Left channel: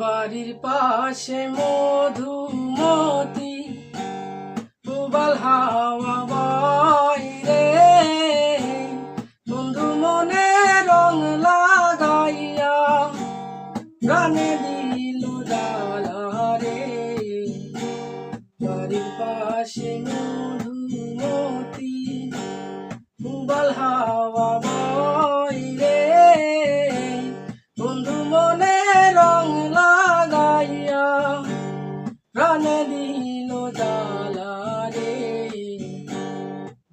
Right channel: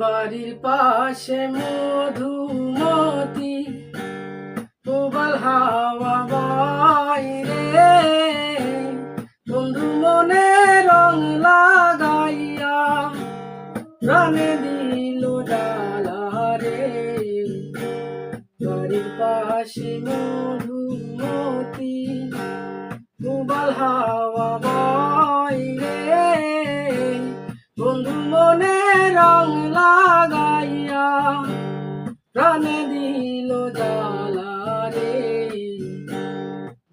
বাড়ির পাশে মধুমতি প্রবাল হাওয়া বাইরে বন্ধু মনে রং লাগাইয়া প্রাণে দিল জ্বালা রে। বাড়ির পাশে মধুমতি প্রবাল হাওয়া বাইরে বন্ধু মনে রং লাগাইয়া প্রাণে দিল জ্বালা রে।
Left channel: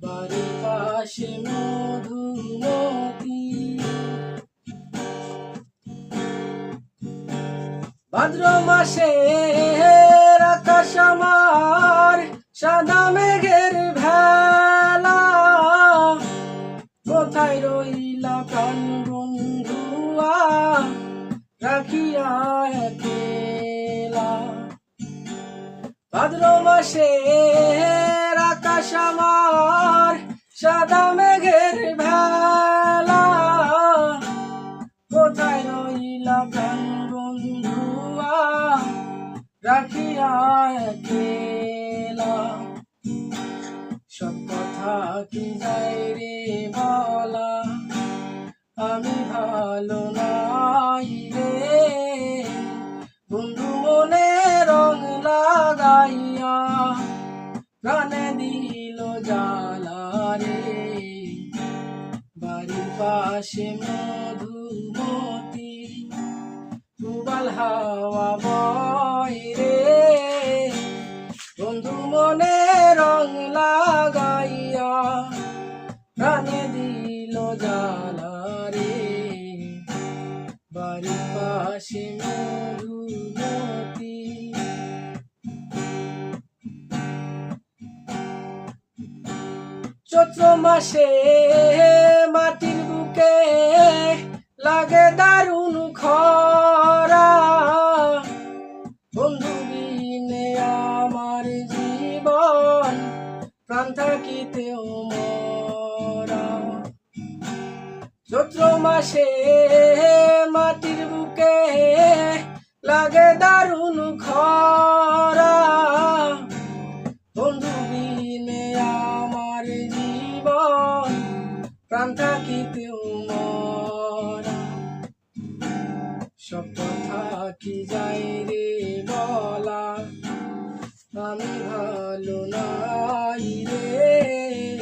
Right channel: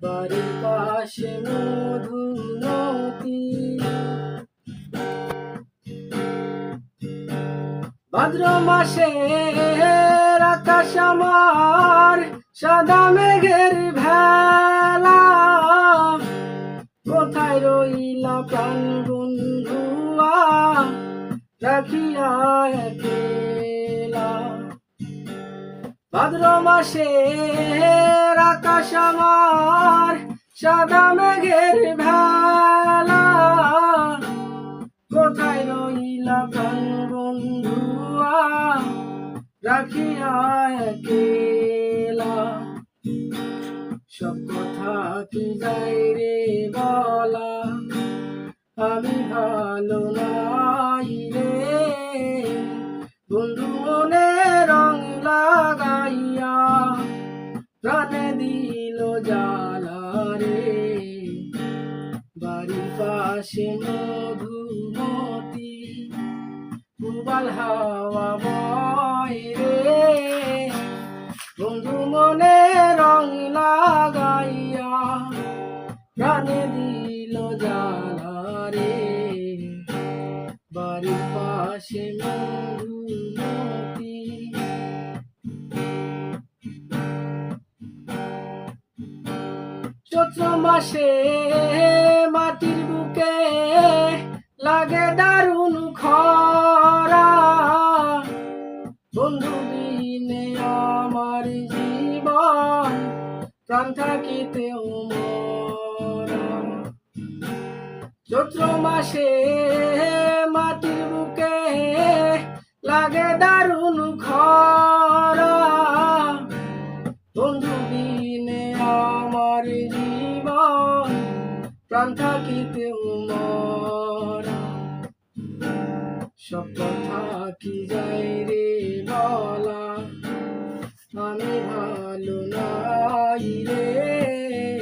বাড়ির পাশে মধুমতি। ভাদ্র মাসের আকাশ আমার সাদা মেঘের ভেলা, কোথায় রইলা প্রাণ বন্ধুয়া রাখিয়া একলা। ভাদ্র মাসের আকাশ আমার সাদা মেঘের ভেলা, কোথায় রইলা প্রাণ বন্ধুয়া রাখিয়া একলা। সব কথা কি যাই রে বলা, আমি ভালো নাই রে। বন্ধু মনে রং লাগাইয়া প্রাণে দিল জ্বালা রে। বাড়ির পাশে মধুমতি প্রবাল হাওয়া বয় রে বন্ধু মনে রং লাগাইয়া প্রাণে দিল জ্বালা রে। বাড়ির পাশে মধুমতি। চৈত্র মাসে মাটির বুকে লাগে দারুণ খরা, বন্ধু বিনে আমার জীবন প্রাণ থাকিতেও মরা। চৈত্র মাসে মাটির বুকে লাগে দারুণ খরা, বন্ধু বিনে আমার জীবন প্রাণ থাকিতেও